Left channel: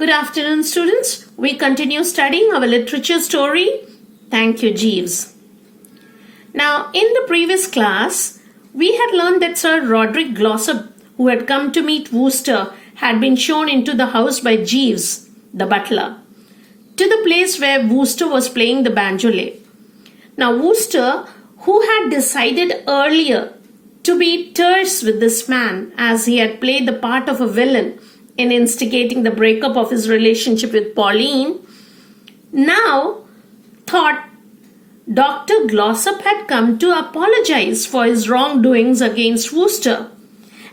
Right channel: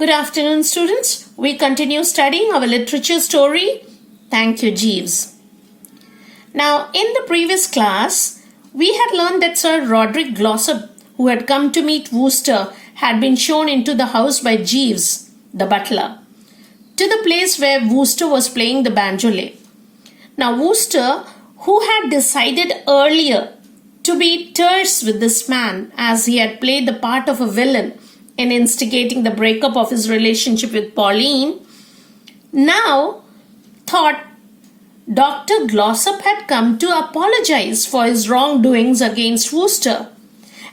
Good afternoon, students. We continue studying our literature story. Thank you, Jeeves. Now, in the previous class, we had learned that Sir Roderick Glossop, who had come to meet Wooster, had been shown into the house by Jeeves, the butler, to the place where Wooster was playing the banjole. Now, Wooster, who had decided earlier to be terse with this man as he had played the part of a villain in instigating the breakup of his relationship with Pauline, now thought Dr. Glossop had come to apologize for his wrongdoings against Wooster.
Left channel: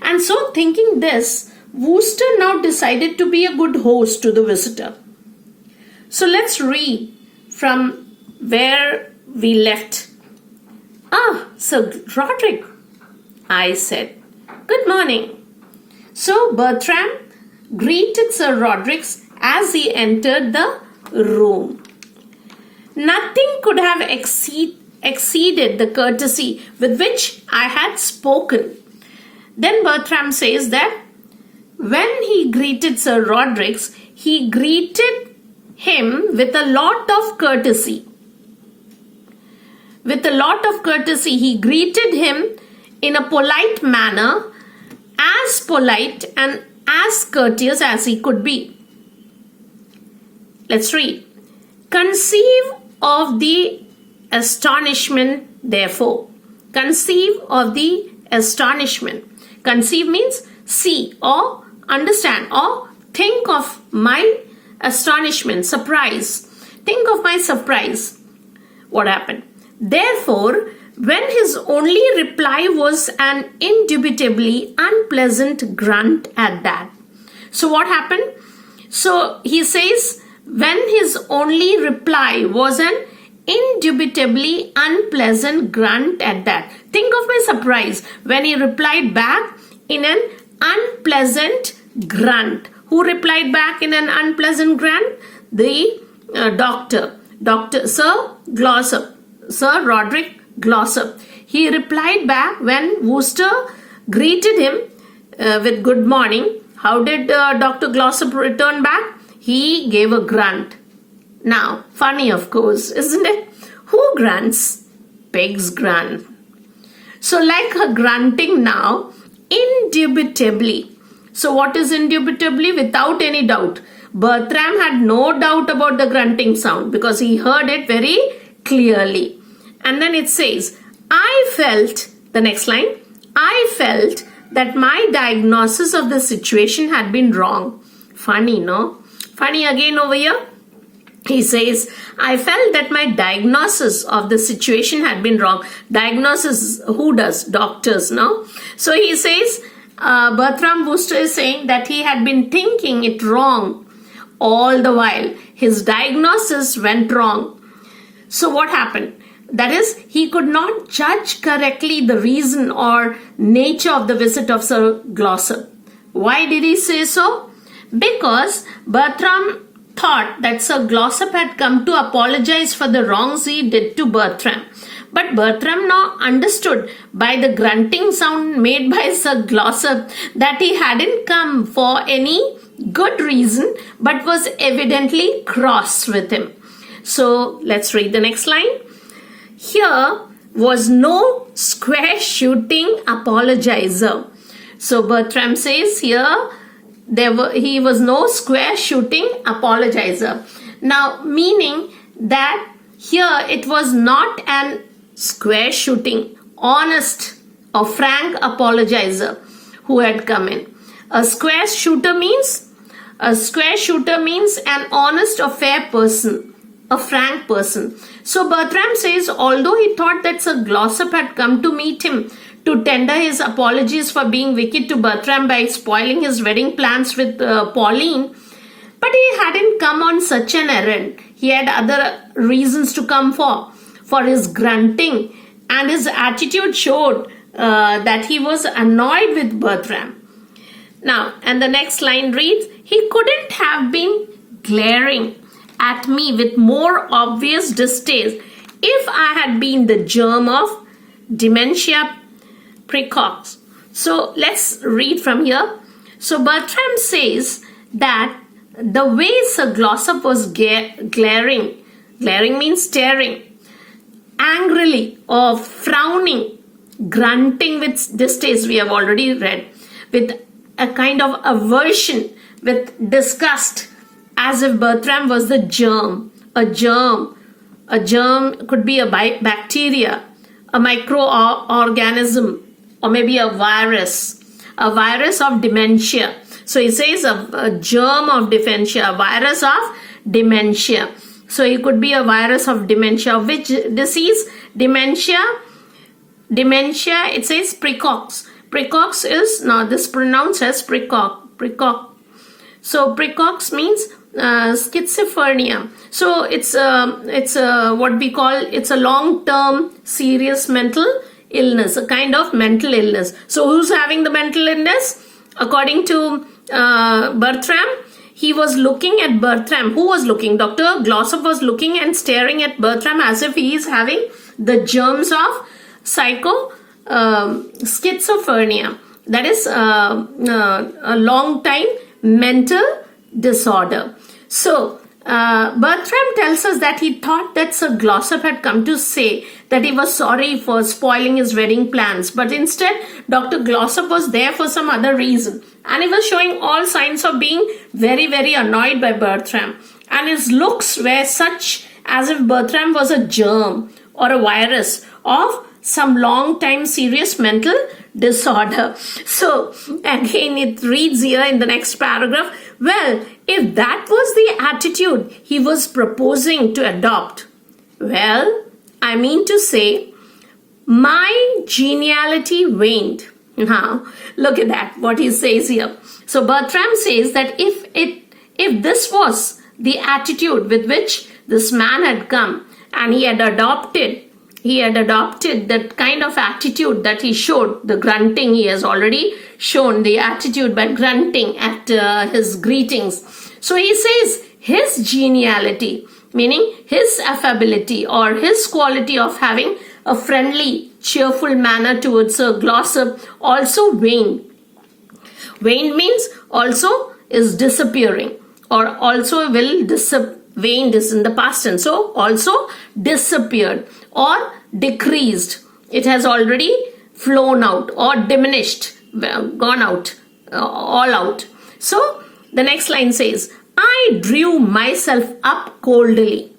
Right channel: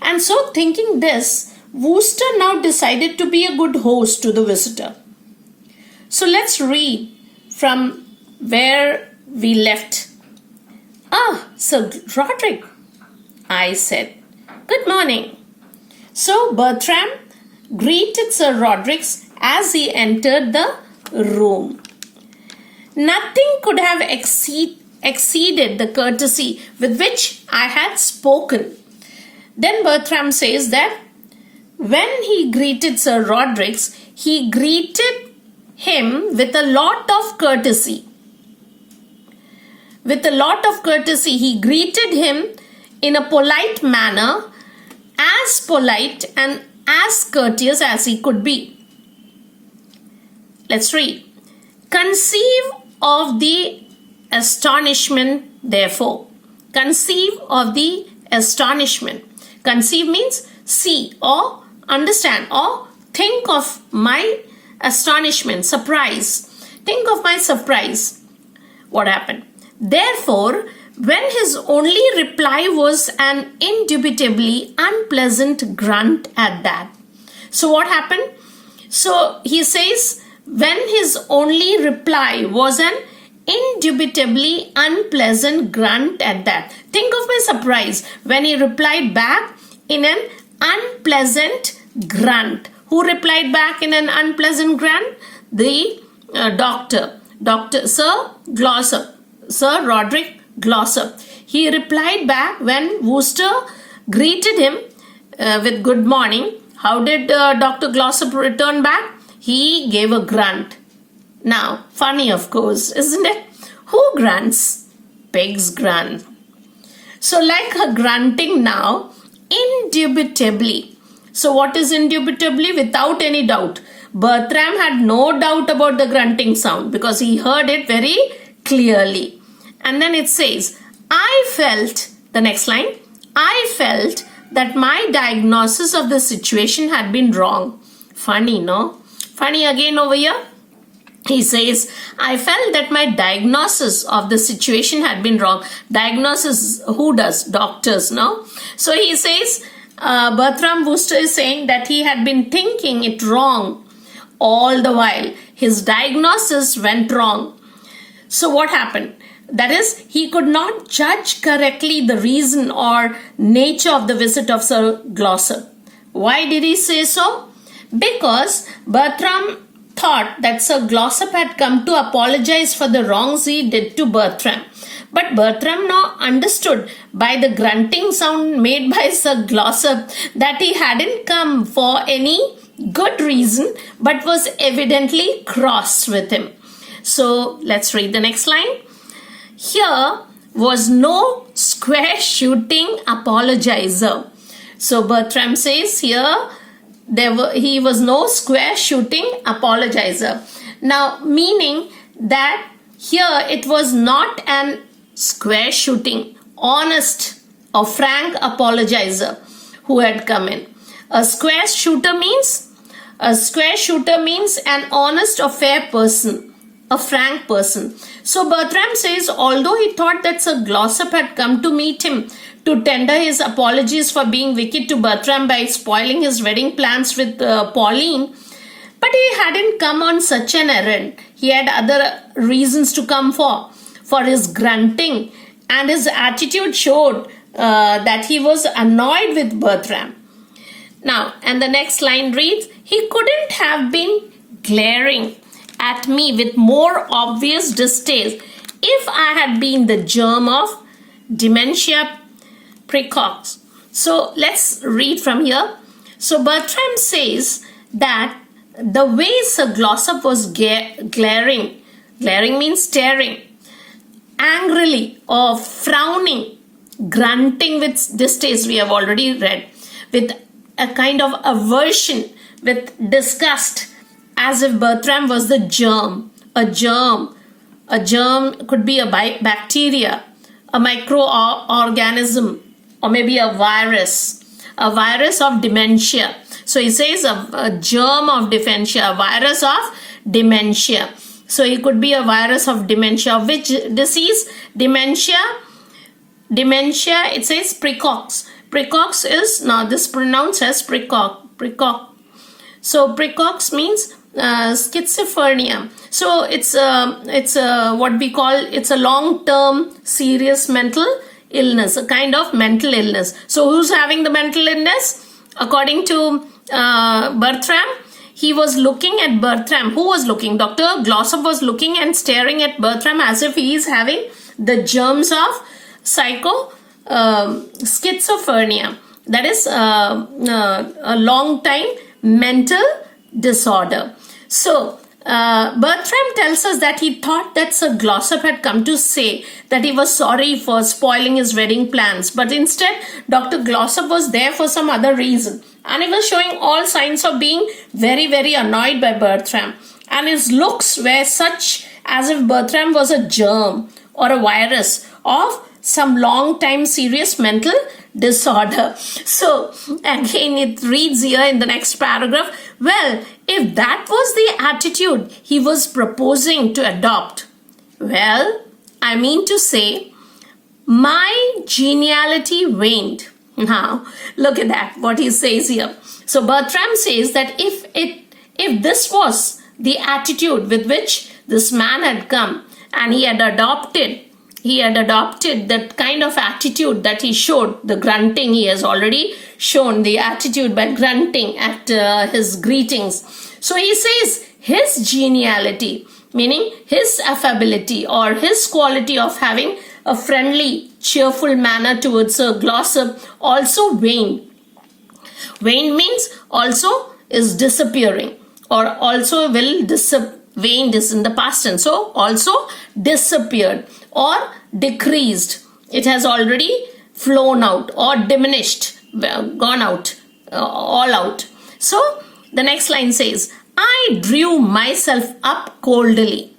And so, thinking this, Wooster now decided to be a good host to the visitor. So, let's read from where we left. Sir Roderick, I said. Good morning. So, Bertram greeted Sir Roderick as he entered the room. Nothing could have exceeded the courtesy with which I had spoken. Then Bertram says that when he greeted Sir Roderick, he greeted him with a lot of courtesy. With a lot of courtesy, he greeted him in a polite manner, as polite and as courteous as he could be. Let's read. Conceive of the astonishment, therefore. Conceive of the astonishment. Conceive means see or understand or think of my astonishment, surprise. Think of my surprise. What happened? Therefore, when his only reply was an indubitably unpleasant grunt at that. So what happened? So he says, when his only reply was an indubitably unpleasant grunt at that. Think of my surprise when he replied back in an unpleasant grunt. Who replied back in an unpleasant grunt? The Dr. Sir Glossop. Sir Roderick Glossop. He replied back when Wooster greeted him with good morning. How did Dr. Glossop return back? He gave a grunt. Now, funny of course, isn't it? Who grunts? Pigs grunt. So like a grunting now, indubitably. So what is indubitably? Without any doubt. Bertram had no doubt about the grunting sound because he heard it very clearly. And then it says, I felt, the next line, I felt that my diagnosis of the situation had been wrong. Funny, no? Funny again over here. He says, I felt that my diagnosis of the situation had been wrong. Diagnosis, who does? Doctors, no? So he says, Bertram Wooster is saying that he had been thinking it wrong all the while. His diagnosis went wrong. So what happened? That is, he could not judge correctly the reason or nature of the visit of Sir Glossop. Why did he say so? Because Bertram thought that Sir Glossop had come to apologize for the wrongs he did to Bertram. But Bertram now understood by the grunting sound made by Sir Glossop that he hadn't come for any good reason but was evidently cross with him. So let's read the next line. Here was no square shooting apologizer. So Bertram says here he was no square shooting apologizer. Now meaning that here it was not an square shooting, honest or frank apologizer who had come in. A square shooter means an honest or fair person, a frank person. So Bertram says, although he thought that Sir Glossop had come to meet him to tender his apologies for being wicked to Bertram by spoiling his wedding plans with Pauline, but he hadn't come on such an errand. He had other reasons to come for his grunting, and his attitude showed that he was annoyed with Bertram. Now, and the next line reads, he couldn't have been glaring at me with more obvious distaste if I had been the germ of dementia precox. So let's read from here. So Bertram says that the way Sir Glossop was glaring means staring, angrily or frowning, grunting with distaste, we have already read, with a kind of aversion, with disgust, as if Bertram was the germ. A germ could be a bacteria, a microorganism, or maybe a virus of dementia. So he says a germ of dementia, a virus of dementia. So it could be a virus of dementia. Which disease? Dementia, it says precox. Precox is, now this pronounced as precox. So precox means schizophrenia. So it's what we call, it's a long-term serious mental illness, a kind of mental illness. So who's having the mental illness? According to Bertram, he was looking at Bertram. Who was looking? Dr. Glossop was looking and staring at Bertram as if he is having the germs of schizophrenia. That is a long time mental disorder. So Bertram tells us that he thought that Sir Glossop had come to say that he was sorry for spoiling his wedding plans, but instead Dr. Glossop was there for some other reason, and he was showing all signs of being very, very annoyed by Bertram, and his looks were such as if Bertram was a germ or a virus of some long time serious mental disorder. So again it reads here in the next paragraph, well, if that was the attitude he was proposing to adopt, well, I mean to say, my geniality waned. Now, look at that, what he says here. So Bertram says that if this was the attitude with which this man had come, and he had adopted that kind of attitude that he showed, the grunting, he has already shown the attitude by grunting at his greetings. So he says his geniality, meaning his affability or his quality of having a friendly, cheerful manner towards Sir Glossop also waned. Waned means also is disappearing, or also will waned is in the past tense. So also disappeared or decreased. It has already flown out or diminished, gone out, all out. So the next line says, I drew myself up coldly,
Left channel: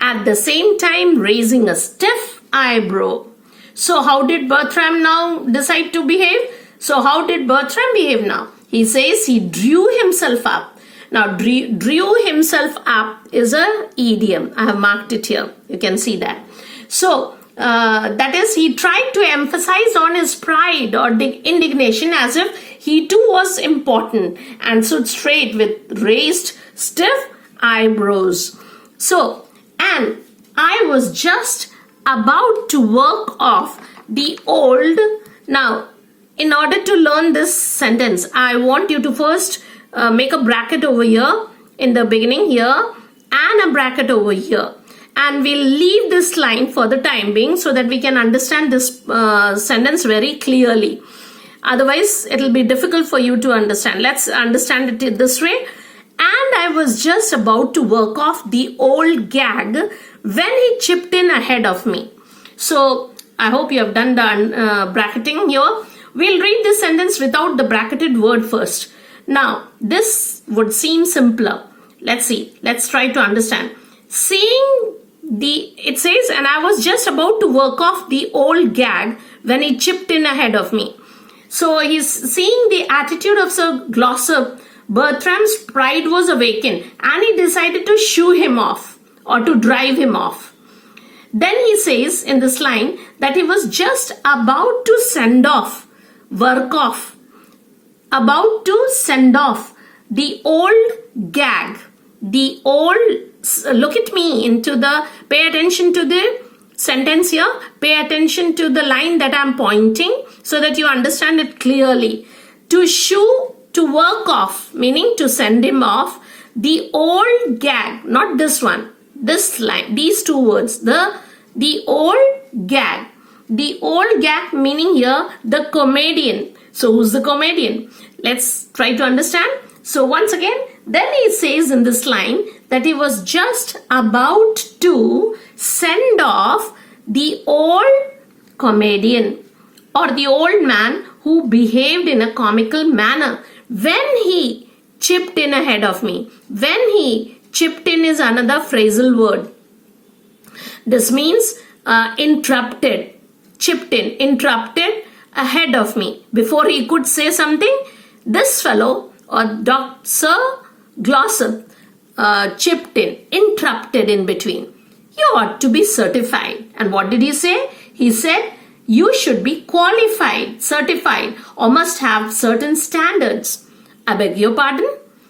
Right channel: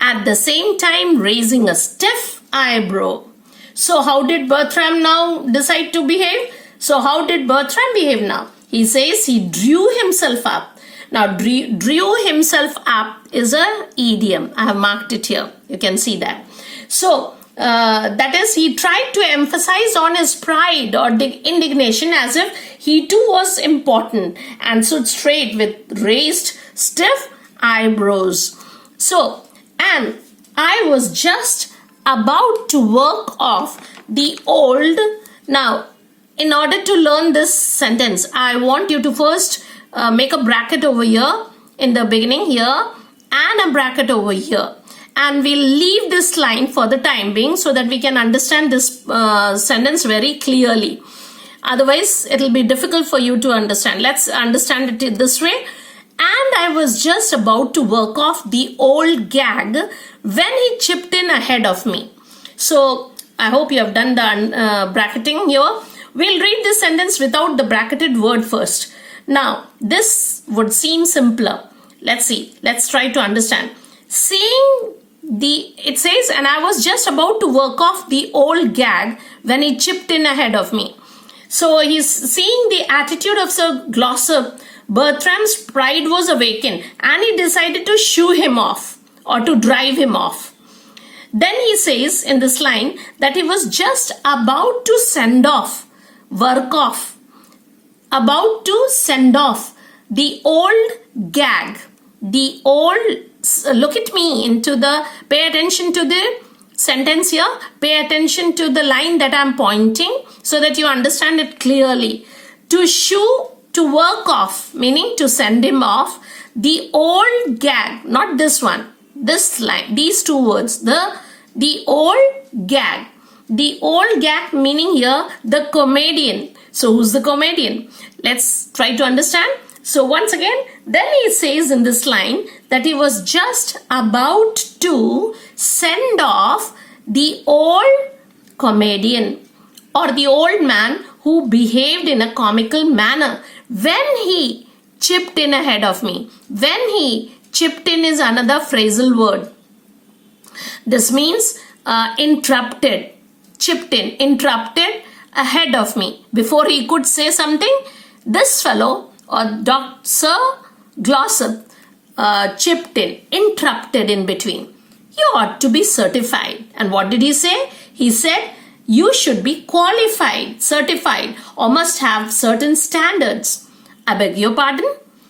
at the same time raising a stiff eyebrow. So how did Bertram now decide to behave? So how did Bertram behave now? He says he drew himself up. Now drew himself up is an idiom. I have marked it here. You can see that. So that is, he tried to emphasize on his pride or indignation as if he too was important, and stood straight with raised stiff eyebrows. So, and I was just about to work off the old. Now, in order to learn this sentence, I want you to first make a bracket over here in the beginning here and a bracket over here. And we'll leave this line for the time being so that we can understand this sentence very clearly. Otherwise, it will be difficult for you to understand. Let's understand it this way. And I was just about to work off the old gag when he chipped in ahead of me. So, I hope you have done the bracketing here. We'll read this sentence without the bracketed word first. Now, this would seem simpler. Let's see. Let's try to understand. It says, and I was just about to work off the old gag when he chipped in ahead of me. So he's seeing the attitude of Sir Glossop. Bertram's pride was awakened, and he decided to shoo him off or to drive him off. Then he says in this line that he was just about to about to send off the old gag, look at me pay attention to the sentence here, pay attention to the line that I'm pointing so that you understand it clearly. To work off, meaning to send him off, the old gag, not this one, this line, these two words, the old gag. The old gag meaning here the comedian. So who's the comedian? Let's try to understand. So once again, then he says in this line that he was just about to send off the old comedian or the old man who behaved in a comical manner when he chipped in ahead of me. When he chipped in is another phrasal word. This means interrupted, chipped in, interrupted ahead of me. Before he could say something, this fellow or Sir Glossop chipped in, interrupted in between. You ought to be certified. And what did he say? He said, you should be qualified, certified, or must have certain standards. I beg your pardon?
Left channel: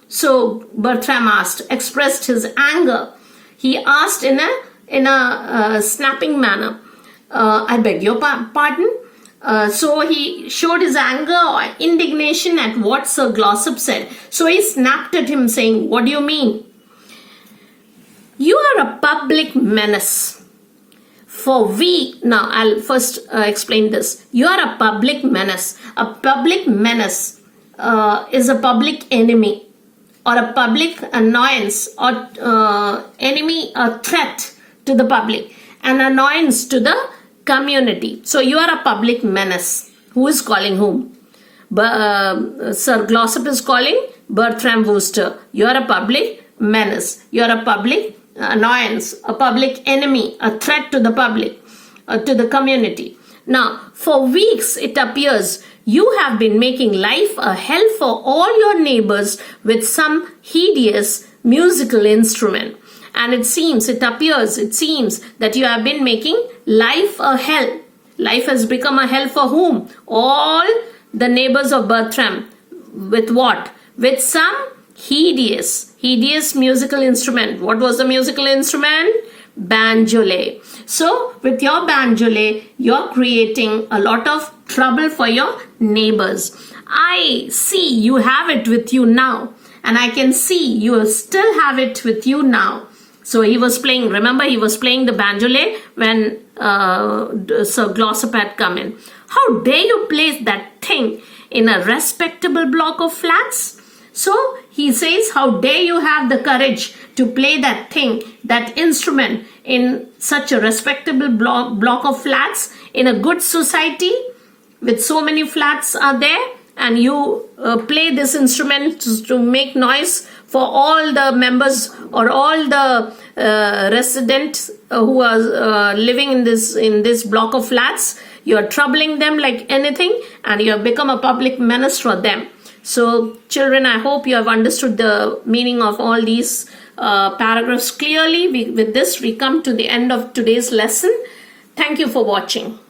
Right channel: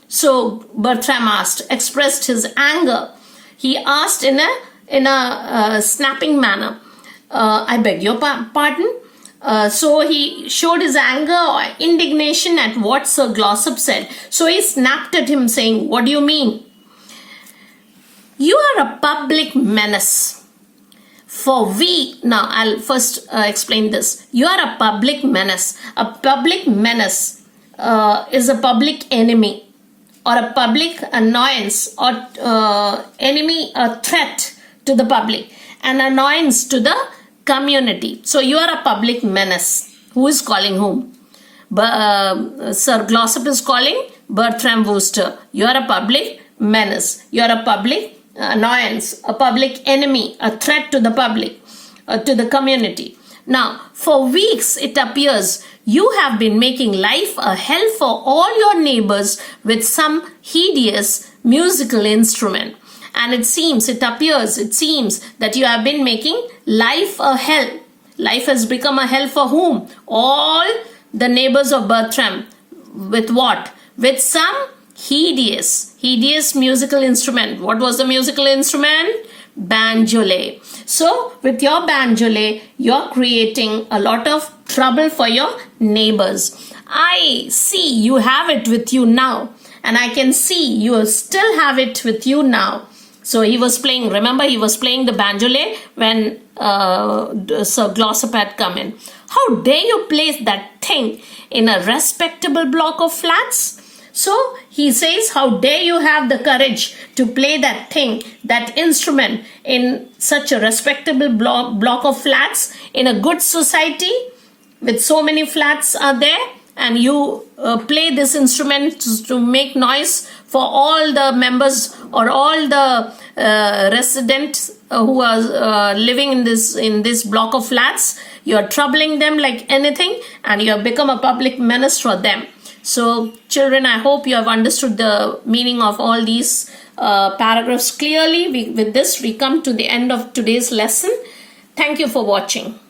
So Bertram expressed his anger. He asked in a snapping manner, I beg your pardon? So he showed his anger or indignation at what Sir Glossop said. So he snapped at him saying, what do you mean? You are a public menace. Now I'll first explain this. You are a public menace. A public menace is a public enemy or a public annoyance or enemy, a threat to the public, an annoyance to the community. So you are a public menace. Who is calling whom? Sir Glossop is calling Bertram Wooster. You are a public menace. You are a public annoyance, a public enemy, a threat to the public, to the community. Now, for weeks it appears you have been making life a hell for all your neighbors with some hideous musical instrument. And it seems that you have been making life a hell. Life has become a hell for whom? All the neighbors of Bertram. With what? With some hideous musical instrument. What was the musical instrument? Banjole. So with your banjole, you're creating a lot of trouble for your neighbors. I see you have it with you now, and I can see you still have it with you now. So he was playing, remember he was playing the banjole when Sir Glossop had come in. How dare you place that thing in a respectable block of flats? So he says, how dare you have the courage to play that thing, that instrument in such a respectable block of flats in a good society with so many flats are there, and you play this instrument to make noise for all the members or all the residents who are living in this block of flats. You are troubling them like anything, and you have become a public menace for them. So children, I hope you have understood the meaning of all these paragraphs clearly. With this, we come to the end of today's lesson. Thank you for watching.